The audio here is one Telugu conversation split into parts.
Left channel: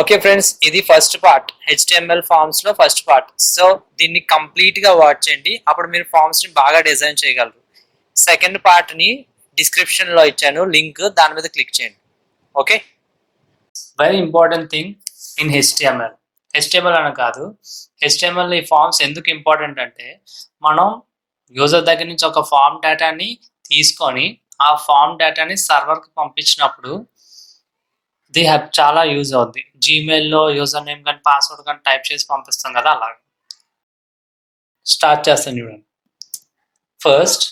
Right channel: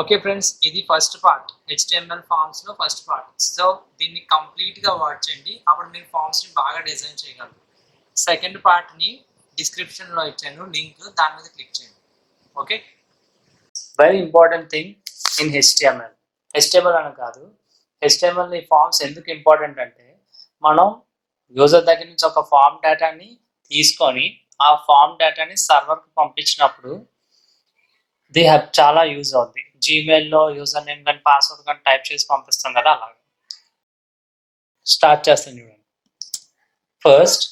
ఓకే ఫ్రెండ్స్, ఇది ఫస్ట్ పార్ట్, హెచ్టిఎంఎల్ ఫార్మ్స్ లో ఫస్ట్ పార్ట్. సో దీన్ని కంప్లీట్ గా వాచ్ చేయండి, అప్పుడు మీరు ఫార్మ్స్ ని బాగా డిజైన్ చేయగలరు. సెకండ్ పార్ట్ ని డిస్క్రిప్షన్ లో ఇచ్చాను లింక్, దాని మీద క్లిక్ చేయండి. Okay, very important thing in HTML అని కాదు, హెచ్టిఎంఎల్ ఈ ఫార్మ్స్ ఎందుకు ఇంపార్టెంట్ అంటే, మనం యూజర్ దగ్గర నుంచి ఒక ఫార్మ్ డేటాని తీసుకొని ఆ ఫార్మ్ డేటాని సర్వర్కి పంపించినప్పుడు ది హ్యావ్ చాలా యూజ్ అవుద్ది. జీమెయిల్లో యూజర్ నేమ్ కానీ పాస్వర్డ్ కానీ టైప్ చేసి పంపిస్తాం కదా, అలాగే స్టార్ట్ చేస్తాను చూడండి. ఫస్ట్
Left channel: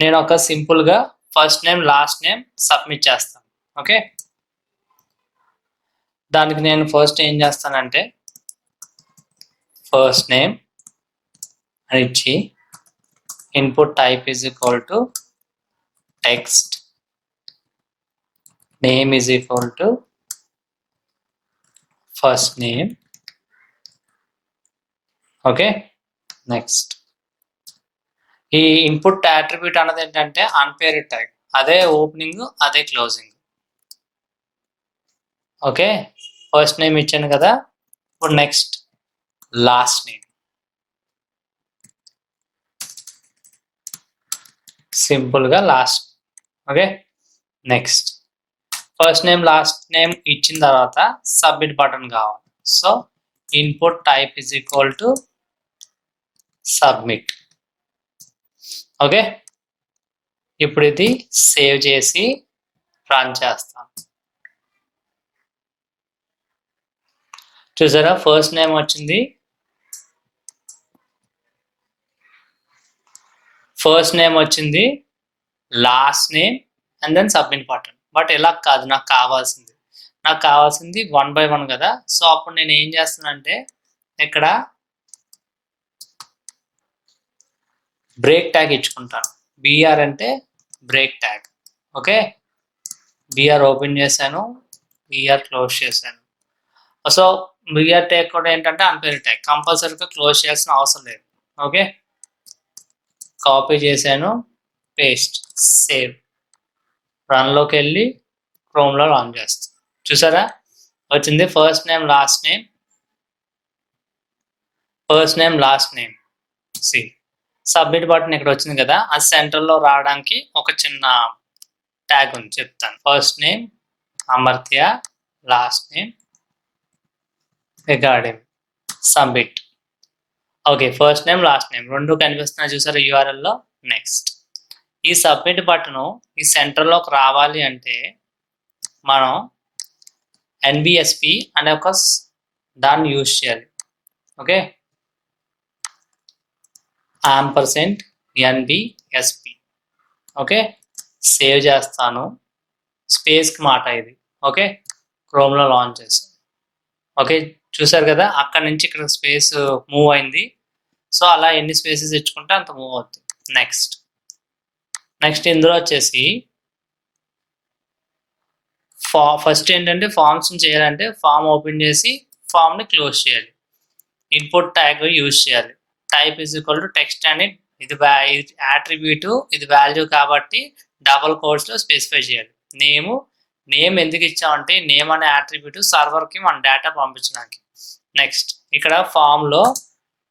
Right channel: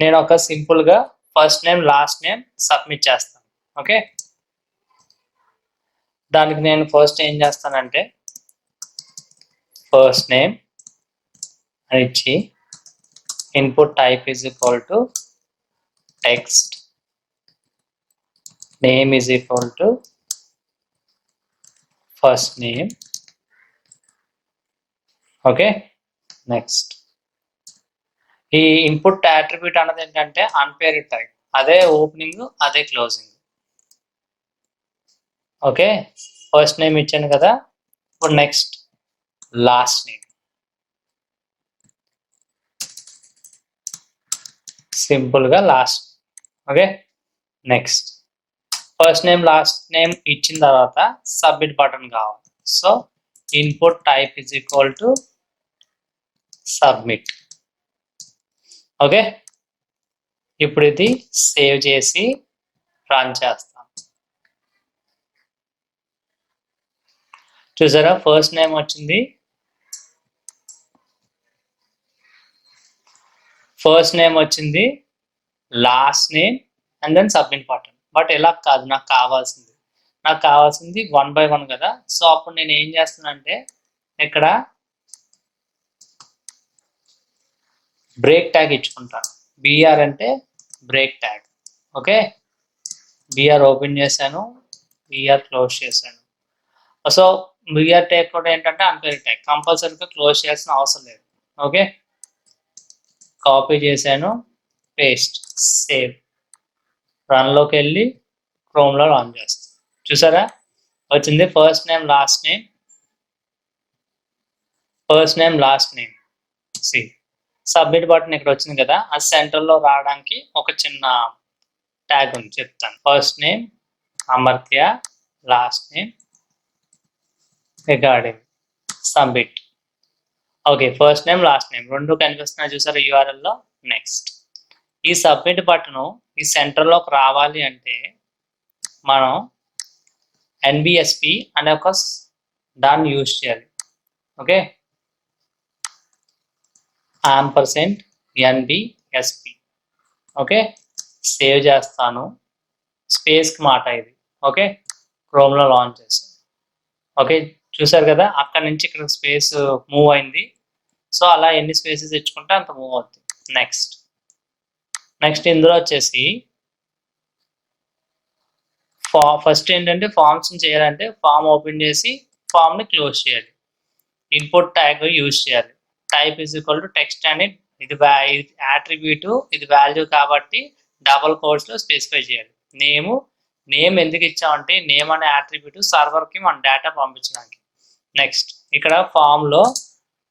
నేను ఒక సింపుల్గా first name last name submit చేస్తాను. ఓకే, దానికి నేను ఫస్ట్ ఏం చేస్తానంటే ఫస్ట్ నేమ్ అని ఇచ్చి input type is equal to text, name is equal to first name. Okay, next ఈ ఇన్పుట్ అట్రిబ్యూట్ అన్నది ఏంటంటే అన్పేర్డ్ టైప్, అదే ఓపెనింగ్ అదే క్లోజింగ్. ఓకే, ఫస్ట్ నేమ్ ఇచ్చాను కదా, ఇప్పుడు నెక్స్ట్ లాస్ట్ నేమ్, సింపుల్గా last. Okay, next first name last name ఇచ్చిన తర్వాత సబ్మిట్ బటన్ కావాలి. So input type is equal to submit. Okay, ఇప్పుడు ఇది సేవ్ చేసి రన్ చేస్తాం. చూసారా, ఫస్ట్ నేమ్ వచ్చింది, ఫస్ట్ నేమ్ వచ్చింది, last name and then submit button. But ఇలా కాదు, నాకు కావాల్సింది 1 by 1 కదా. సో అప్పుడు నేను ఏం చేస్తానంటే ఇక్కడ బ్రేక్ ట్యాగ్ ఇచ్చుకుంటాను. బిఆర్ అంటే break tag. Okay, BR open చేశాను, బిఆర్ క్లోజ్ చేశాను. సో బిఆర్ ట్యాగ్ కూడా ఏంటంటే అన్పేర్ ట్యాగ్, కంపల్సరీగా క్లోజ్ చేయాల్సిన అవసరం లేదు. ఓకే, కాపీ చేశాను, పేస్ట్, సేవ్, రన్లోకి వెళ్ళి క్రోమ్లో రన్ చేస్తాను. చూసారా, వచ్చింది first name last name, first name last name. See submit button ఇక్కడ వచ్చింది కదా, అది సెంటర్లో రావడానికి ఒక చిన్న ట్యాగ్ ఉంది, చెప్తాను. First name Amartya, last name regarding, submit. Okay, first name last name రెండు కనిపిస్తున్నాయి చూసారా యూఆర్ఎల్లో. నెక్స్ట్ ఈ సబ్మిట్ బటన్ ఈ సెంటర్లోకి రావాలి అంటే మనం ఎన్బిఎస్పి అనే ఒక దాన్ని యూజ్ చేయాలి. Okay, ampersand NBSP. Okay, save చేస్తాను, స్పేస్కి మాట ఇది. ఓకే, క్రోమ్లో లాంచ్ చేస్తాను. ఓకే, చూసారు కదా, అక్కడ నుంచి ఇక్కడ స్పేస్ మూవ్ అయింది. సో అలా ఎన్ని స్పేసెస్ ఇచ్చుకుంటే అంత మూవ్ అవుతుంది. నెక్స్ట్ ఇందులో వచ్చేసి ఫస్ట్ ఏంటంటే ఫామ్స్ని చేయాలంటే ఫామ్ ఓపెన్ చేసి ఫామ్ని క్లోజ్ చేయాలి. ఇన్పుట్ ట్యాగ్ యూజ్ చేయాలి. Type is equal to text అని, ఇది అట్రిబ్యూట్, ఇది వాల్యూ కాబట్టి డబుల్ కోట్స్లో స్పెసిఫై చేయాలి. నేమ్ ఎందుకు ఇచ్చామంటే నేమ్ అనే అట్రిబ్యూట్ సర్వర్కి మన డేటా పంపించడానికి. నెక్స్ట్ ఇక్కడ ఫామ్లో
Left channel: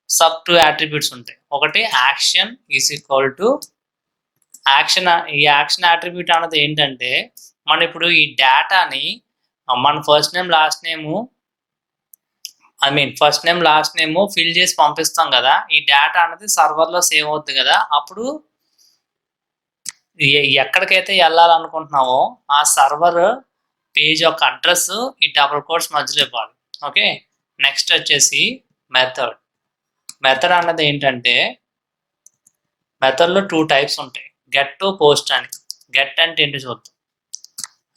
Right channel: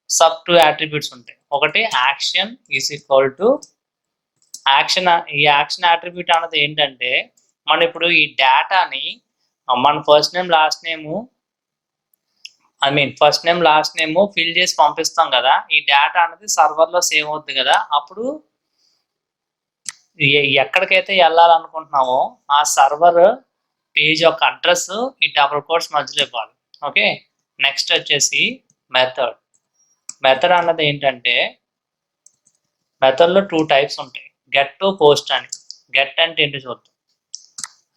సబ్ 2 అట్రిబ్యూట్స్ ఉంటాయి. ఒకటి action is equal to action. ఈ యాక్షన్ అట్రిబ్యూట్ అన్నది ఏంటంటే మనం ఇప్పుడు ఈ డేటాని మన first name last name fill చేసి పంపిస్తాం కదా, ఈ డేటా అనేది సర్వర్లో సేవ్ అవుతుంది కదా. అప్పుడు ఎక్కడికైతే వెళ్ళాలనుకుంటున్నామో ఆ సర్వర్ పేజ్ యొక్క అడ్రస్ ఈ డబుల్ కోట్స్ మధ్యలో ఇవ్వాలి. ఓకే, నెక్స్ట్ వచ్చేసి మెథడ్ అన్నది ఏంటంటే మెథడ్లో 2 టైప్స్ ఉంటాయి, గెట్ టు పోస్ట్ అని. గెట్ అంటే ఏంటి చూద్దాం,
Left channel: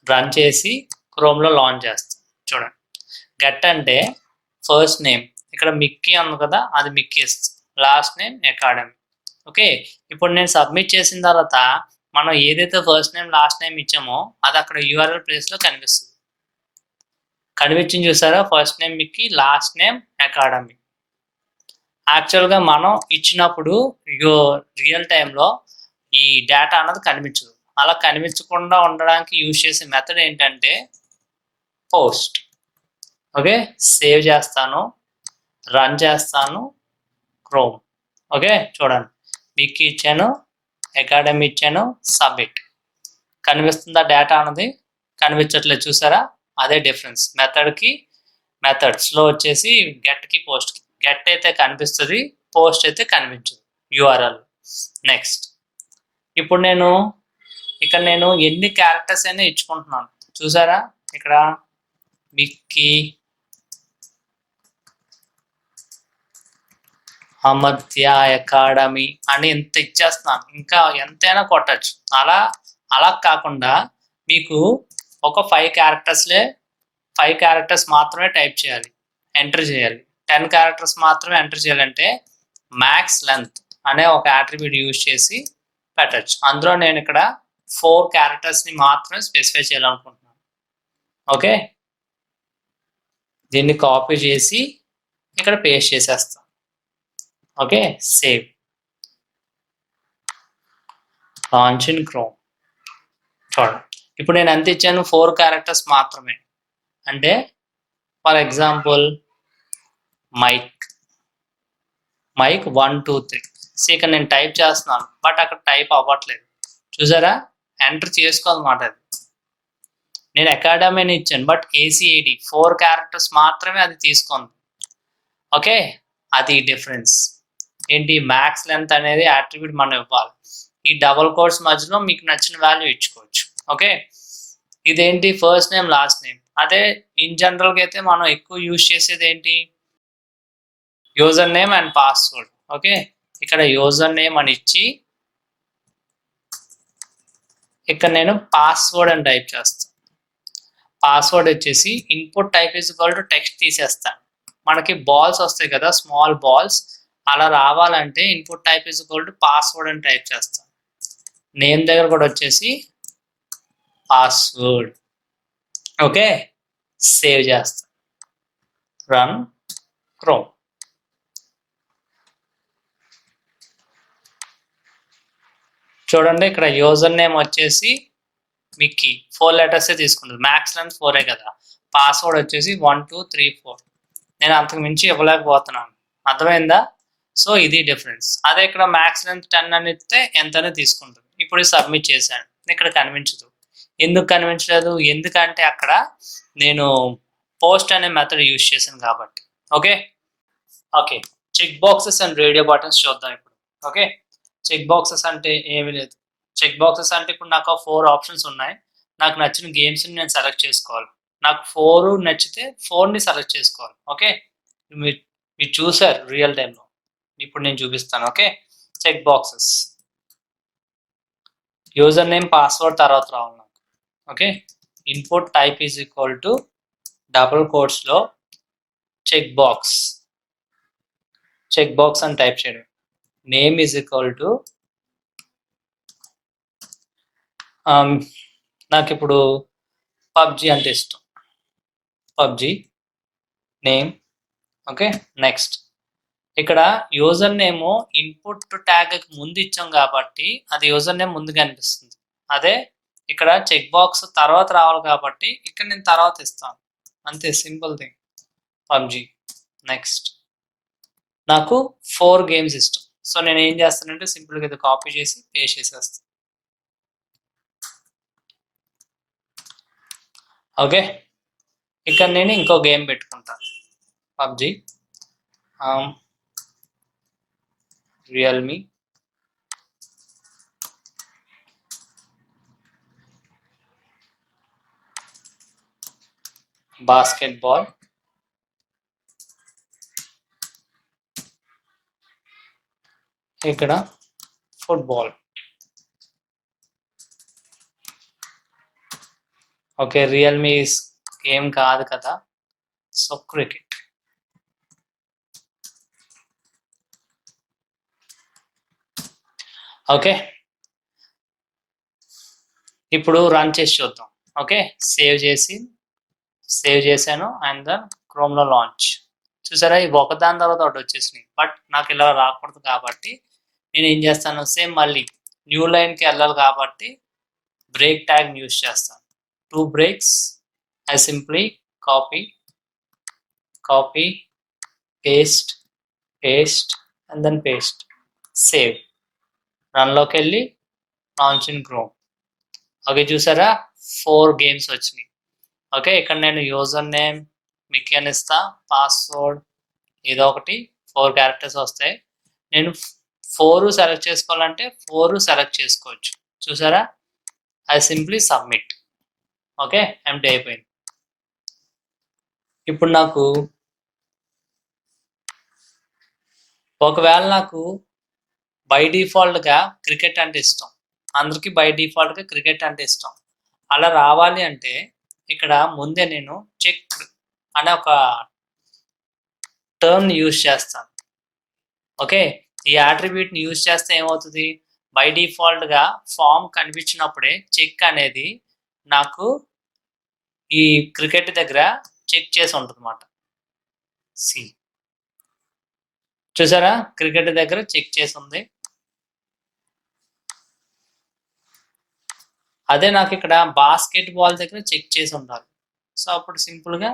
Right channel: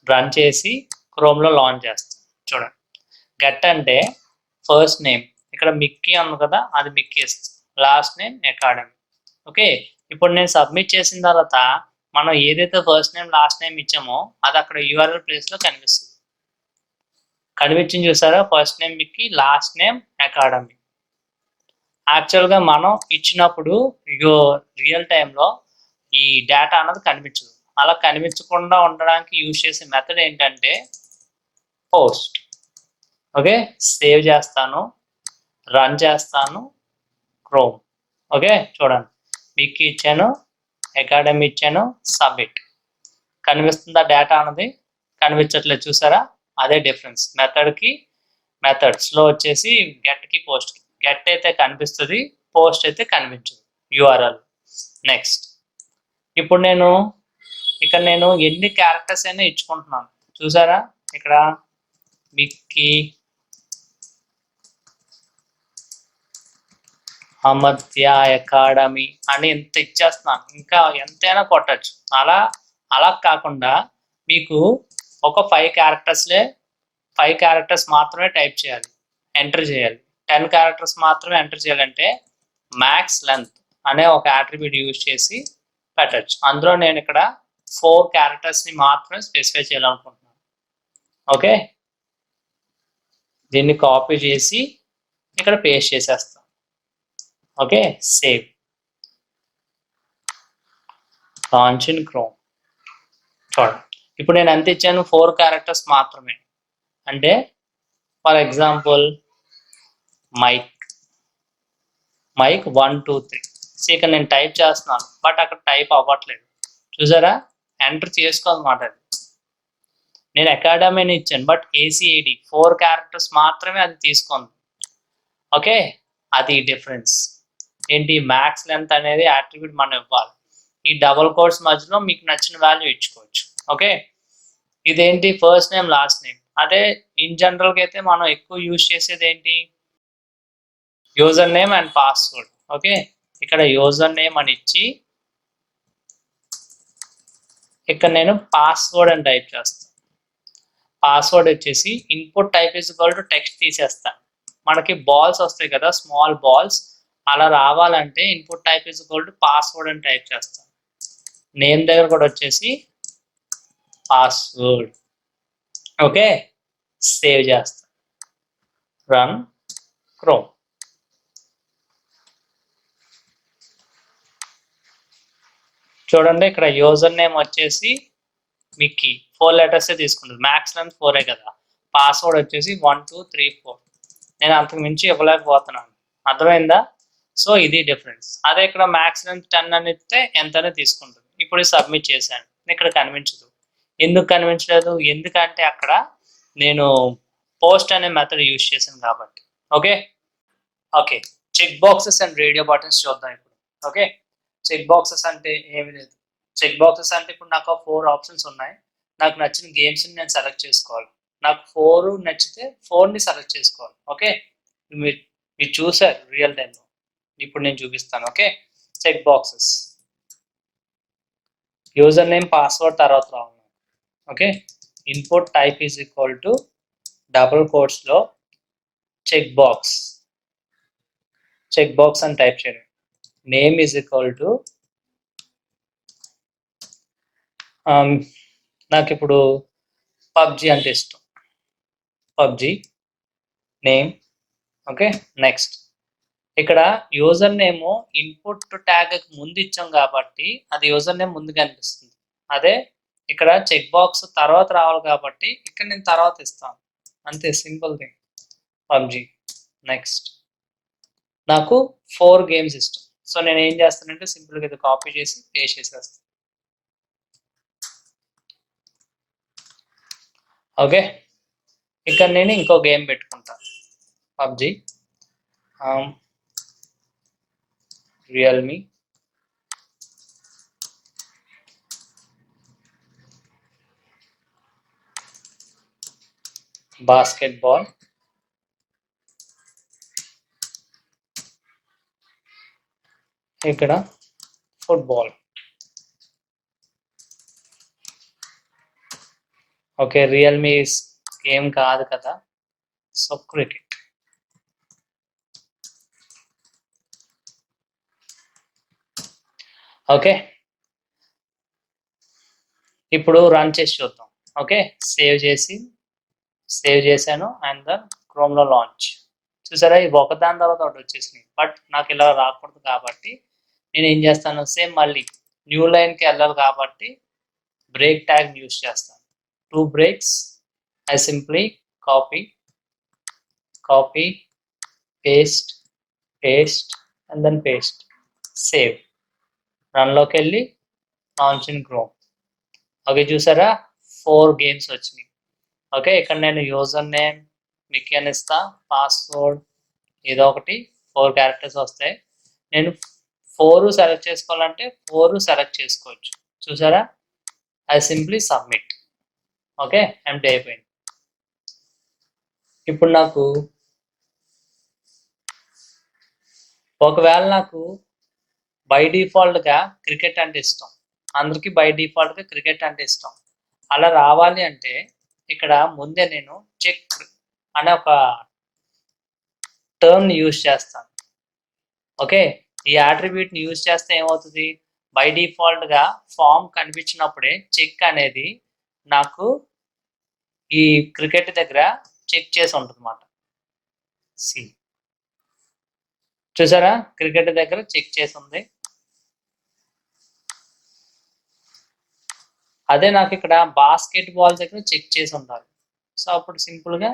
రన్ చేసి క్రోమ్లో లాంచ్ చేస్తాం. చూడండి, గెట్ అంటే ఫస్ట్ నేమ్, ఇక్కడ మిక్కీ ఉంది కదా, అది మిక్కీ ఇస్తుంది, లాస్ట్ నేమ్ అకాడమీ. ఓకే, ఇప్పుడు నేను సబ్మిట్ చేసిన తర్వాత మనం ఏదైతే ఫస్ట్ నేమ్ లాస్ట్ నేమ్ ఇచ్చామో అది అక్కడ యూఆర్ఎల్ ప్లేస్లో కనిపించింది చూసారా, first name Mickey, last name academy. యాక్చువల్గా మనం ఇచ్చినప్పుడు రియల్ టైంలో ఈ డేటా అన్నది కనిపించదు. అలా కనిపించకుండా ఉండడానికి యూజ్ చేసే మెథడ్ ఏంటంటే పోస్ట్. ఓకే, సేవ్ చేస్తాను, రన్ చేస్తాను, క్రోమ్. ఓకే, చూడండి, మీకు ఇచ్చాను, అకాడమీ ఇచ్చాను, సబ్మిట్. కనిపిస్తుందా డేటా అన్నది? కనిపించట్లేదు, చూసారా? అదే డిఫరెన్స్ మెథడ్కి మెథడ్స్లో వచ్చేసి గెట్కి పోస్ట్కి. గెట్ అయితే కనిపిస్తుంది, పోస్ట్ అయితే కనిపించదు యూఆర్ఎల్. నెక్స్ట్, ఇప్పుడు నేను ఇక్కడ ఎన్ని క్యారెక్టర్స్ అయినా ఇచ్చుకుంటున్నాను, చూసారా? ఇక్కడ మిక్కీ, అమర్త్య, అకాడమీ అని ఎంత ఇచ్చేస్తున్నాను, ఇంకా ఎంతైనా కొట్టచ్చు. అలా కాకుండా మీకు ఒక 5 క్యారెక్టర్స్ మాత్రమే టైప్ చేయాలి, ఎంటర్ చేయాలి. 10 క్యారెక్టర్స్ మాత్రమే ఎంటర్ చేయాలంటే మ్యాక్స్ లెంత్ అనే ఒక అట్రిబ్యూట్ యూజ్ చేసి పెట్టచ్చు. అందులో నేను ఇక్కడ 4 క్యారెక్టర్స్ని మాత్రమే స్పెసిఫై చేయాలనుకుంటున్నాను. ఓకే, దీన్ని కాపీ చేసి ఇక్కడ పేస్ట్ చేసేస్తాను. Okay, save, launch in chrome. చూడండి, ఇప్పుడు నేను ఎంత ఇచ్చాను? 4 క్యారెక్టర్స్ మాత్రమే. అంటే ఫర్ ఎగ్జాంపుల్ మైక్ 1 2 3. ఇక్కడ నేను టైప్ చేస్తున్నాను, బట్ అక్కడ టైప్ అవ్వట్లేదు, చూసారా? ఎంటర్ చేసుకోవాలన్నమాట. అది నేను అకాడమీని ఇచ్చాను, బట్ ACAD 4 క్యారెక్టర్స్ మాత్రమే అది తీసుకుంది. ఓకే, అది డిఫరెన్స్ ఏంటి? మ్యాక్స్ లెంత్ అనేది అట్రిబ్యూట్ మనం ఇవ్వాలి. ఈ డబుల్ కోట్స్ మధ్యలో మీకు నచ్చిన వాల్యూ ఇచ్చుకోవచ్చు. ఓకే, ఇదేంటి? First name, last name. అదే ఇన్ జనరల్గా అయితే మనం ఎక్కువ యూజ్ చేసేది ఏంటి? User name and password. Okay, ఇక్కడ యూజర్ నేమ్ అని ఇచ్చి ఇక్కడ నేను పాస్వర్డ్ అని టైప్ చేస్తాను. పాస్వర్డ్ వచ్చేసి input type is equal to text తీసేస్తాను. మనకి బాల్స్ వస్తాయి కదా, స్మాల్ బాల్స్, అలా రావాలంటే input type is equal to password అని టైప్ చేస్తాను. నేమ్ దగ్గర కూడా వచ్చేసి పాస్వర్డ్. ఓకే, సేవ్ చేస్తాను, రన్ క్రోమ్. చూడండి, ఇక్కడ యూజర్ నేమ్ వచ్చేసి మిక్కీ 4 లెటర్స్ తీసుకుంటుంది, మ్యాక్స్ లెంత్ 4 కదా. పాస్వర్డ్ వచ్చేసి 1 2 3 4. నేను అంతకు మించి ఇవ్వలేకపోతున్నాను, అర్థమైందా? సో ఇది డిఫరెన్స్. అదే ఇక్కడ మ్యాక్స్ లెంత్ 10 అని ఇస్తే ఎంతనే తీసుకుంటుంది. ఇప్పుడు సబ్మిట్ చేశాను, ఇక్కడ కనిపించదు. ఎందుకు కనిపించలేదు? ఎందుకంటే అక్కడ నేను పోస్ట్ అనే మెథడ్ యూజ్ చేశాను కాబట్టి. Okay, check boxes and radio buttons చూద్దాం ఇప్పుడు. ఓకే, చెక్ బాక్సెస్ అంటే ఏమి లేదు. చెక్ బాక్సెస్ అంటే ఇప్పుడు నాకు 4 ఆప్షన్స్ ఉన్నాయి. నాకు నచ్చిన గేమ్స్ని నేను సెలెక్ట్ చేసుకోవాలి. నాకు 4 నచ్చితే 4ని సెలెక్ట్ చేసుకోవాలి. ఓకే, మీరు చూసారు రియల్ టైంలో, ఇప్పుడు నేను చూపిస్తాను. Okay, check boxes, user name, password తర్వాత రావాలి నాకు. Okay, input type is equal to double కోట్స్లో చెక్ బాక్స్ అని టైప్ చేయడం. నేమ్ ఈజ్ ఈక్వల్ టు నాకు ఇప్పుడు పబ్జీ అంటే ఇష్టం, పబ్జీ నేమ్. ఓకే, నెక్స్ట్, ఇక్కడ యూజర్ నేమ్ ఇన్పుట్ ట్యాగ్ ముందు ఇచ్చాం కాబట్టి అది యూజర్ నేమ్ ముందు కనిపిస్తుంది. అదే ఇక్కడ చెక్ బాక్స్ తర్వాత రావాలి కాబట్టి ఇక్కడ నేను తర్వాత ఇస్తాను, అంతే, సింపుల్ థింగ్, పబ్జీ. నెక్స్ట్, నాకు 4 గేమ్స్ ఇష్టం. సో నేను ఏం చేస్తానంటే సింపుల్గా ఇది కాపీ చేసి పేస్ట్ చేసేస్తాను. ఓకే, ఇక్కడ నేను ఇంకో గేమ్ పెట్టుకుంటాను, పబ్జీ, రియల్మీ, బాస్కెట్బాల్, ఇక్కడ ఫుట్బాల్. ఓకే, రియల్మీ గేమ్ కాదు కదా, సో క్రికెట్. ఓకే, ఇప్పుడు రన్ చేసి చూద్దాం. ఓకే, సేవ్ చేశాను అండ్ దెన్ క్రోమ్లో లాంచ్. చూసారా, ఇవి ఒకదాని తర్వాత ఒకటి వచ్చేసినాయి, బట్ నాకు ఇలా రాకూడదు కాబట్టి నేను ఏం చేస్తాను, సేమ్ మళ్ళీ న్యూ లైన్కి వెళ్ళాలి కాబట్టి బ్రేక్ ట్యాగ్ యూజ్ చేస్తాను. 2 breaks, I simply copy copy, paste, paste and then paste, save. రన్లోకి వెళ్ళి లాంచ్ ఇన్ క్రోమ్. ఓకే, చూసారా 4 గేమ్స్ వచ్చినాయి. ఓకే, ఇక్కడ నేను యూజర్ నేమ్ మిక్కీ అని ఇస్తా, పాస్వర్డ్ ఏదో ఒకటి 4 క్యారెక్టర్స్ వస్తాయి. నేను 4 సెలెక్ట్ చేసుకోవాలంటే 4 సెలెక్ట్ చేసుకోవచ్చు. చూసారా, I simply submit. Okay, empty అయిపోయింది. ఇప్పుడు నాకు ఒకవేళ నాకు బై డిఫాల్ట్గా క్రికెట్ అంటే ఇష్టం, అందరికీ బై డిఫాల్ట్గా క్రికెట్ అంటే ఇష్టం. అలా రావాలి అంటే ఇక్కడ ముందే నేను చెక్ అనే ఒక టర్మ్ యూజ్ చేస్తాను. ఓకే, ఈ యాట్రిబ్యూట్ని యూజ్ చేస్తే ఏమవుతుంది, బై డిఫాల్ట్గా ఫామ్ కనిపించినప్పుడే చెక్ అనేది నాకు ఈ క్రికెట్ దగ్గర చెక్ చేసి ఉంటుంది అన్నమాట. సి చూసారా, క్రికెట్ దగ్గర చెక్ చేసి ఉంది. అదే నాకు ఇక్కడ బాస్కెట్ బాల్ దగ్గర చెక్ చేసి ఉండాలి. సో అప్పుడు సింపుల్గా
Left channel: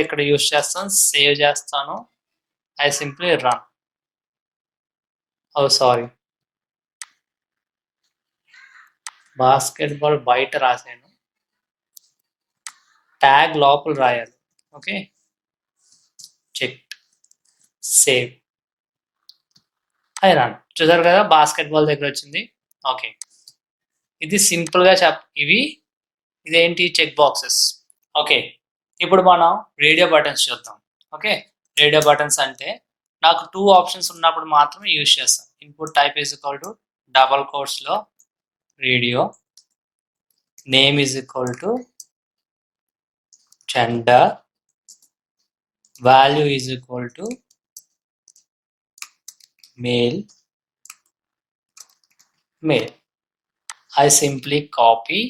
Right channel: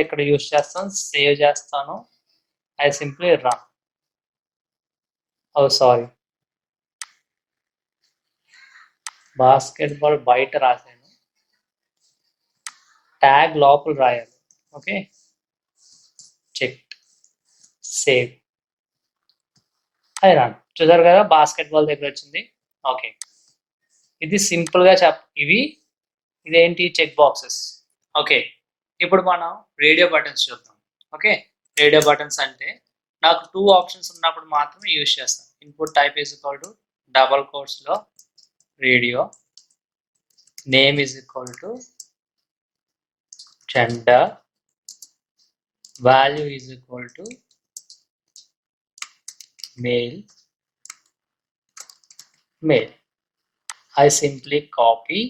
ఇక్కడ యూజ్ చేస్తాను, సేవ్ చేస్తాను, I simply run. Oh sorry, basketball బయట రాశాను, ట్యాగ్ లోపల రాయాలి. Okay, check, save, I run. చూసారు కదా, బాస్కెట్ బాల్ దగ్గర వచ్చింది. ఓకే, ఇది సింపుల్గా ఇదేంటి, చెక్ బాక్సెస్. ఓకే, ఇప్పుడు మనం రేడియో బటన్స్ చూద్దాం. ఓకే, రేడియో బటన్స్ అంటే నాకు 2 ఆప్షన్స్ ఉన్నప్పుడు మాత్రమే యూజ్ చేస్తాను. Input type is equal to double కోట్స్లో radio, name is equal to gender, value is equal to male. I simply copy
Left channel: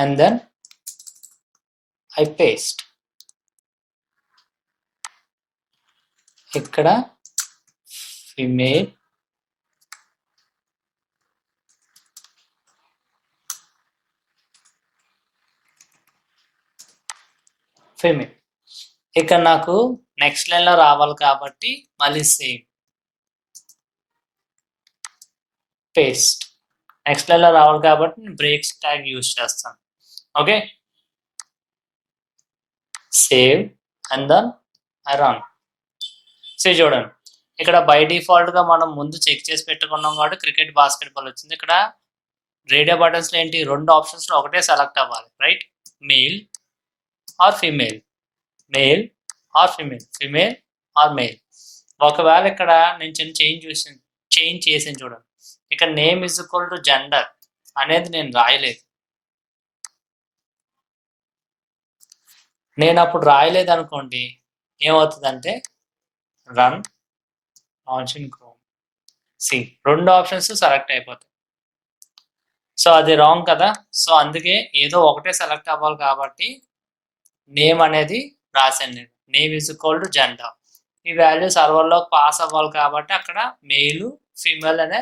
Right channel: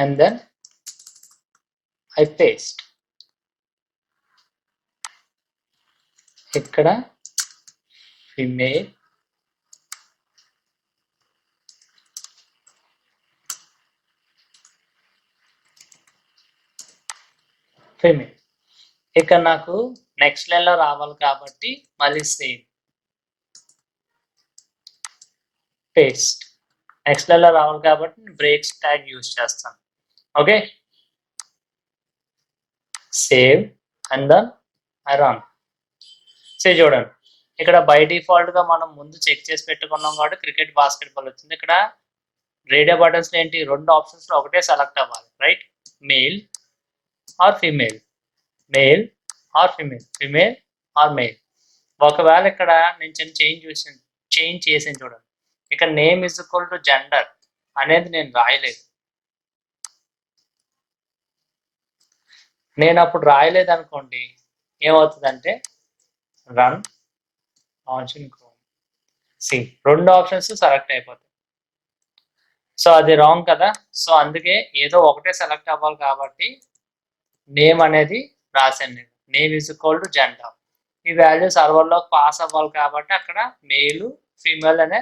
and then I paste. ఇక్కడ ఫిమేల్, ఇక్కడ నాకు నెక్స్ట్ లైన్లో రావాలి కాబట్టి మళ్ళీ సేమ్ పేస్ట్. నెక్స్ట్ లైన్లో రావాలి కాబట్టి నేను బ్రేక్స్ ట్యాగ్ యూజ్ చేస్తాను. Okay, save and then I run. Save చూడండి, ఇక్కడ బై డిఫాల్ట్గా మనం ముందు చెక్ చేసి పెట్టుకున్నాం కాబట్టి క్రికెట్ బాస్కెట్ బాల్ వచ్చింది. ఇక్కడ రేడియో బటన్స్లో ఏంటి, 2 ఆప్షన్స్లో ఒకటే సెలెక్ట్ అవ్వాలి, right? Male or female, male or female, female or male. ఒకవేళ ఇక్కడ నేను చేంజ్ చేసాను చూడండి, ఇక్కడ name is equal to gender అనేది నేను రాయలేదు. నేను అప్పుడు రాయలేదు అనుకోండి, ఏమవుతుందంటే run, launch in Chrome, see 2 options select అయిపోతాయి. సో అది రాంగ్ కదా. సో అందుకే ఏదో ఒకటే సెలెక్ట్ అవ్వాలి కాబట్టి నేమ్ అనేది రాశాను నేను, name is equal to gender. ఈ వాల్యూ సర్వర్లో పాస్ అవ్వాలి కాబట్టి అక్కడ మేలు ఫీమేల్ అనే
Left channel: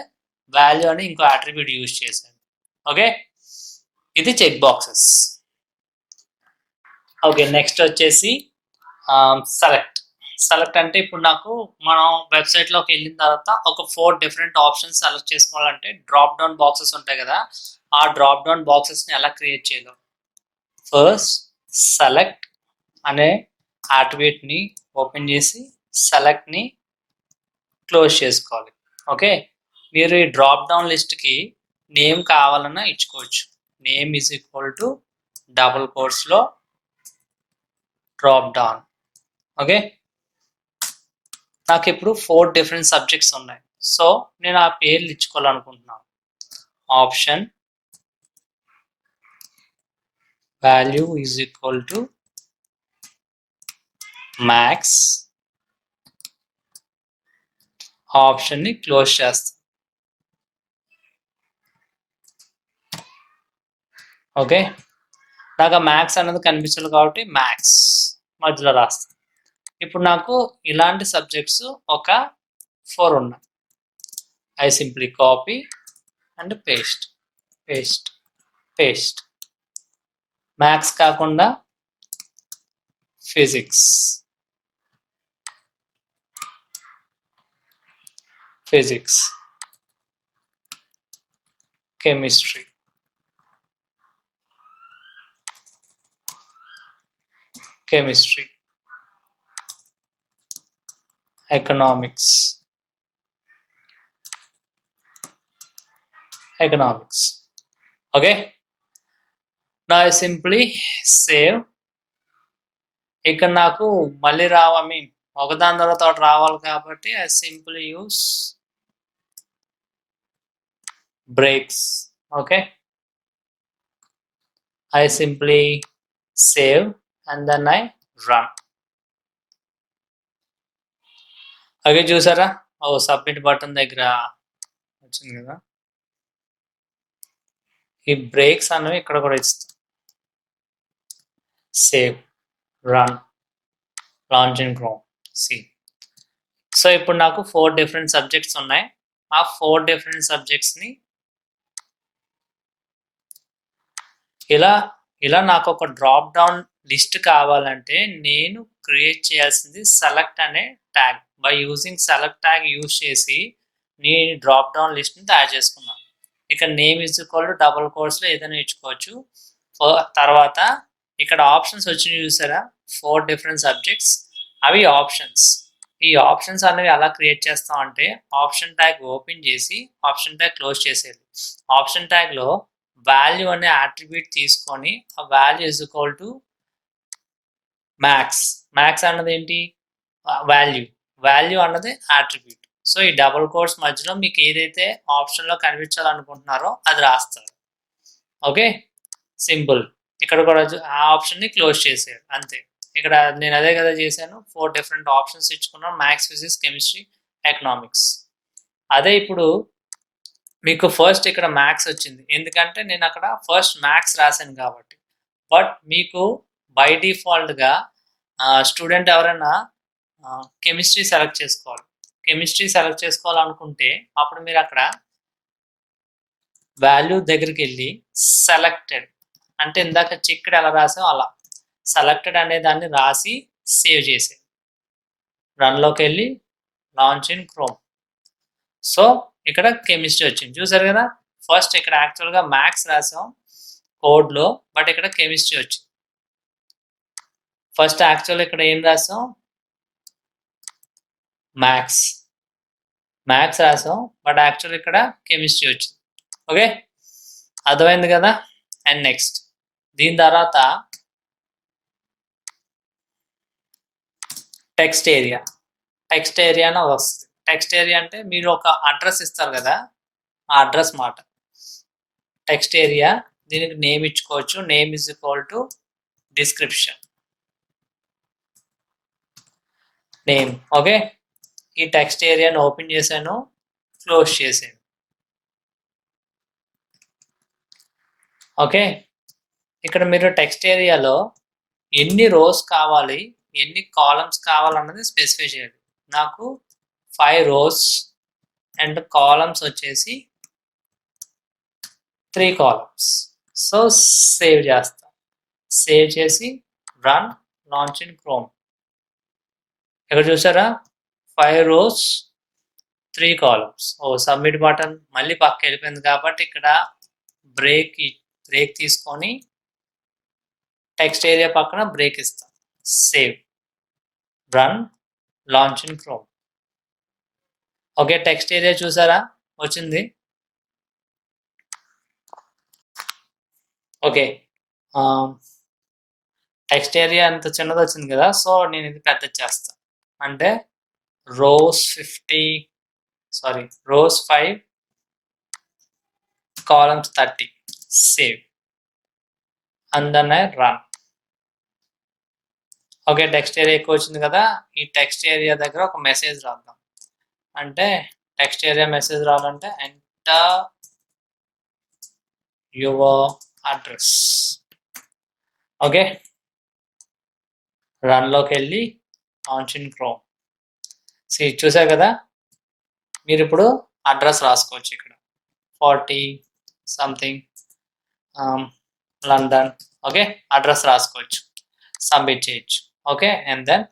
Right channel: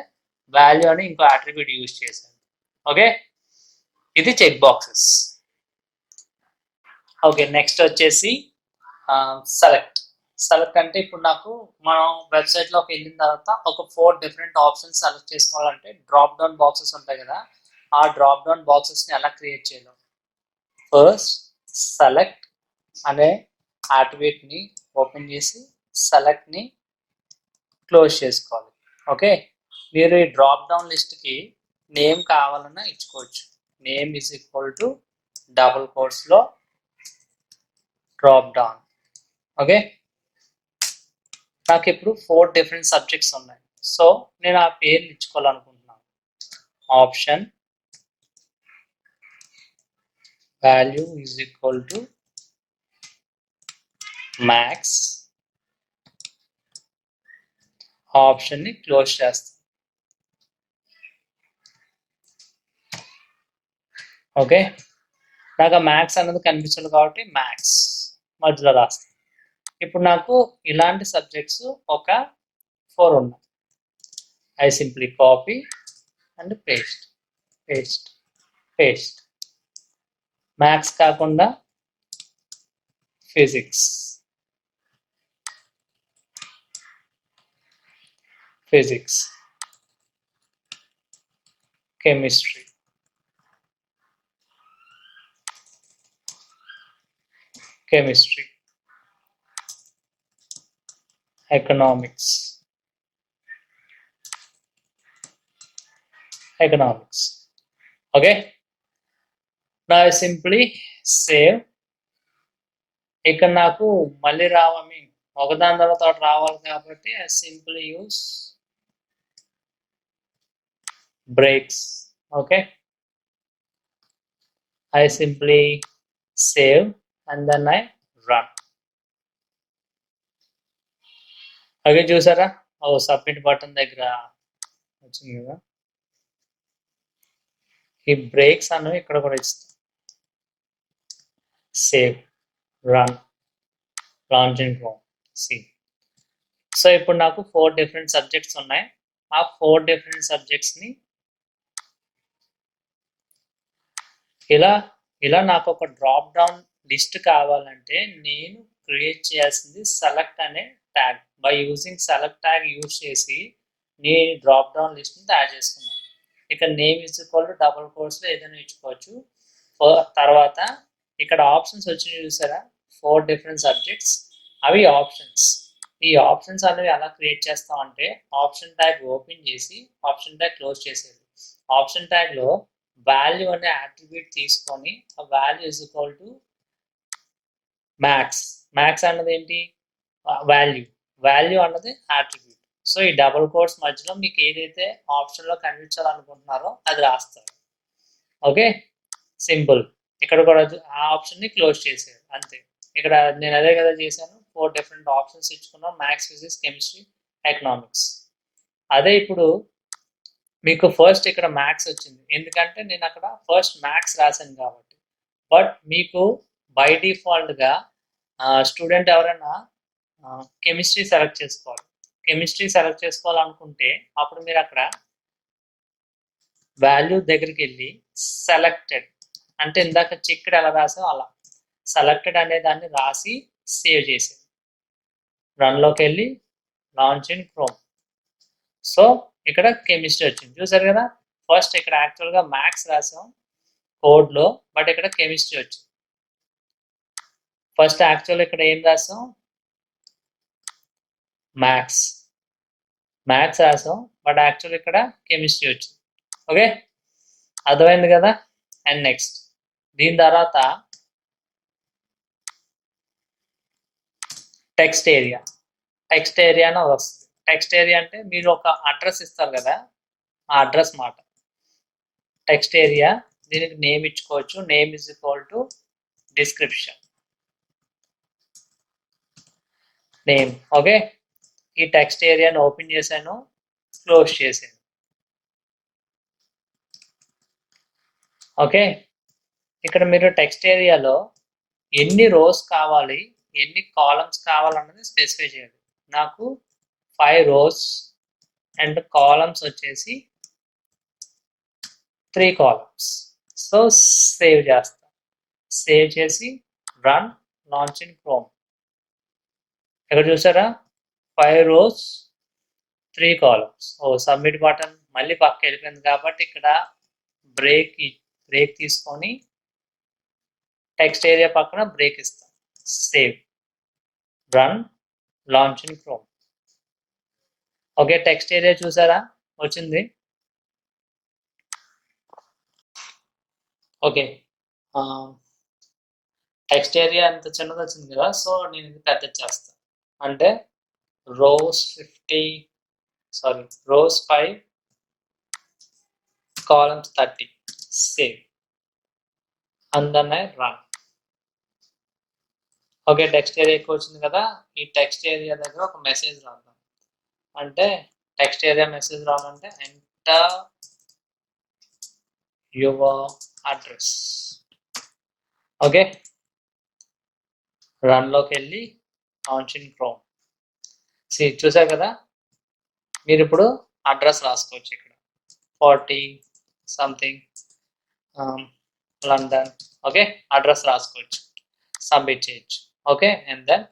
వాల్యూ అని ఇంకో అట్రిబ్యూట్ యూజ్ చేశాను. ఓకే, ఇది చెక్ బాక్సెస్. ఓకే, నెక్స్ట్ వచ్చేసి సెలెక్ట్ అంటే ఇప్పుడు నాకు మనం వెబ్సైట్లోకి వెళ్ళిన తర్వాత ఒక 4 డిఫరెంట్ ఆప్షన్స్ సెలెక్ట్ చేసుకోవాలంటే డ్రాప్ డౌన్ బాక్సెస్ ఉంటాయి కదా, ఆ డ్రాప్ డౌన్ బాక్సెస్ని ఎలా క్రియేట్ చేయాలి. ఫస్ట్ సెలెక్ట్ అనే అట్రిబ్యూట్ని ఓపెన్ చేసి సెలెక్ట్ని క్లోజ్ చేసుకోవాలి. ఓకే, మీరు ఈ డ్రాప్ డౌన్ లిస్ట్కి నేమ్ కావాలన్నా ఇచ్చుకోవచ్చు. Name is equal to double కోట్స్లో డ్రాప్ డౌన్. ఓకే, నాకు ఇప్పుడు 4 డిఫరెంట్ సబ్జెక్ట్స్ ఉన్నాయి. సో నేను ఆ పేర్లు ఇచ్చుకోవాలనుకుంటున్నాను. Option value is equal to max, ఆప్షన్ని క్లోజ్ చేస్తాను. ఓకే, నాకు ఆ మ్యాక్స్ అనేది కనిపించాలి కాబట్టి మ్యాక్స్ మధ్యలో రాస్తాను. ఇప్పుడు నాకు ఇలాంటి సబ్జెక్ట్స్ ఒక 4 ఉన్నాయి. I simply copy and paste. Maths కాకుండా physics, physics, chemistry, chemistry, economics, economics. Okay, now I simply save. ఇక్కడ నాకు మళ్ళీ ఐ మీన్ ఒకదాని తర్వాత ఒకటి రావాలి కాబట్టి I simply use breaks. Okay, I simply save and then I run. Okay, చూసారా? ఓ సబ్మిట్ బటన్ దగ్గర వచ్చింది కదా. ఈ బ్రేక్స్ అనేవి ఇక్కడ కూడా ఇస్తాం. Save, run, launch in Chrome. See, so ఇప్పుడు నాకు 4 డిఫరెంట్ సబ్జెక్ట్స్ ఉన్నాయి. ఆ 4 డిఫరెంట్ సబ్జెక్ట్స్ని ఇలా నాకు ఒక డ్రాప్ డౌన్ లిస్ట్ కావాలంటే నేను క్రియేట్ చేయాల్సింది సెలెక్ట్ అనే tag. By using select tag use చేసి నేను డ్రాప్ డౌన్ లిస్ట్ని తయారు చేసుకున్నాను. ఇక్కడ name is equal to double కోట్స్లో ఏదైనా ఇచ్చుకోవచ్చు. తర్వాత ఇక్కడ ఆప్షన్స్ వచ్చి చూసారా, 4 డిఫరెంట్ సబ్జెక్ట్స్, అవి ఆప్షన్స్. ఈ ఆప్షన్స్ అనేవి ఎలా క్రియేట్ చేస్తాం అంటే ఆప్షన్ ట్యాగ్ ఓపెన్ చేసి ఆప్షన్ ట్యాగ్ క్లోజ్ చేసేది. ఆప్షన్ ట్యాగ్లో వాల్యూ అనే అట్రిబ్యూట్ తీసుకొని ఆ value is equal to max. Max అన్నది ఏంటి? వాల్యూ అన్నది అట్రిబ్యూట్. సో ఈ డబుల్ కోట్స్ మధ్యలో మీకు ఏదైతే ఆప్షన్లో కనిపించాలనుకుంటున్నారో అది రాస్తారు. Okay, simple. ఇక్కడ కూడా ఆ ఆప్షన్ని క్లోజ్ చేసేది అంతే. ఇక్కడ నేను అదే కదా చేశాను, 4 డిఫరెంట్ ఆప్షన్స్ ఇచ్చుకున్నాను, మ్యాథ్స్, ఫిజిక్స్, కెమిస్ట్రీ, ఎకనామిక్స్. అదే ఇప్పుడు మీకు ఫస్ట్ ఇక్కడ మ్యాథ్స్ వచ్చింది ఎందుకంటే నేను అక్కడ ఫస్ట్ మ్యాథ్స్ రాశాను కాబట్టి. బట్ మీకు బై డిఫాల్ట్గా స్టూడెంట్ ఎవరైనా కెమిస్ట్రీ సెలెక్ట్ చేసుకోవాలి. కెమిస్ట్రీ సెలెక్ట్ చేసుకోవాలనుకుంటే అప్పుడు మీరు అక్కడ వాల్యూ దగ్గరికి వెళ్ళి సెలెక్టెడ్ అంటే ఇందాక చెక్డ్ ఎలా రాసాం అలా సెలెక్టెడ్ అనే దాన్ని రాసి సేవ్ చేసే రన్లోకి వెళ్ళి లాంచ్ ఇన్ క్రోమ్. సో ఇక్కడ కెమిస్ట్రీ వచ్చింది చూసారు కదా. ఫస్ట్ ఇక్కడ యాక్చువల్గా మ్యాథ్స్ రాసాం కోడ్లో, బట్ ఇక్కడ కెమిస్ట్రీ వచ్చింది. ఫస్ట్ యాక్చువల్ ఇక్కడ ఏం రాసాం, మ్యాథ్స్ రాసాం, బట్ యాక్చువల్ ఇక్కడ కెమిస్ట్రీ వచ్చింది. ఓకే, అర్థమైంది కదా. అండ్ నెక్స్ట్ దీని తర్వాత టెక్స్ట్ ఏరియాను వస్తుంది. టెక్స్ట్ ఏరియా అంటే మీరు ఒక అడ్రస్ ఇస్తారు కదా, ఆ అడ్రస్ మాట టెక్స్ట్ ఏరియా. దీనికి నేమ్ ఇచ్చుకోవచ్చు. Name is equal to description name. Okay, ఈ టెక్స్ట్ ఏరియాను ఓపెన్ చేశాను, క్లోజ్ చేశాను. ఓకే, ఇక్కడ మీరు టెక్స్ట్ ఏరియాలో ఎన్ని రోస్ కావాలి, ఎన్ని కాలమ్స్ కావాలన్నది స్పెసిఫై చేయాలి. నాకు 5 రోస్ అండ్ కాలమ్స్ వచ్చేసి 3 కాలమ్స్. సో సేవ్ చేస్తాం. సేవ్ చేసి రన్, లాంచ్ ఇన్ క్రోమ్. ఇక్కడ చూసారా 5 రోస్ 3 కాలమ్స్. సబ్మిట్ బటన్ మళ్ళీ పక్క వెళ్ళిపోయింది కాబట్టి ఇక్కడ బ్రేక్ తీసుకొని టెక్స్ట్ ఏరియా పక్కన బ్రేక్ ఇస్తాం. Save, run, launch in chrome. Okay, text area చూసారా వచ్చింది. ఓకే, టెక్స్ట్ ఏరియా అంత చిన్నది వచ్చింది కదా, సో నేను ఇది పెద్ద చేస్తాను. అంటే rows 5 columns 30. Save and then I run. Okay, text area ఎక్కువ వచ్చింది కదా. ఈ టెక్స్ట్ ఏరియా దగ్గర ఒక మెసేజ్ రాద్దాం. అంటే టెక్స్ట్ ఏరియా మెసేజ్ రావాలంటే ఎంటర్ యువర్ అడ్రస్. ఓకే, రన్లోకి వెళ్ళి లాంచ్ ఇన్ క్రోమ్. చూసారు కదా, మీరు ఇప్పుడు అడ్రస్ రాసుకోవచ్చు. ఇక్కడ 40 సంథింగ్ లండన్. ఓకే, అడ్రస్ రాసుకోవచ్చు, సబ్మిట్ చేయొచ్చు. Okay, and then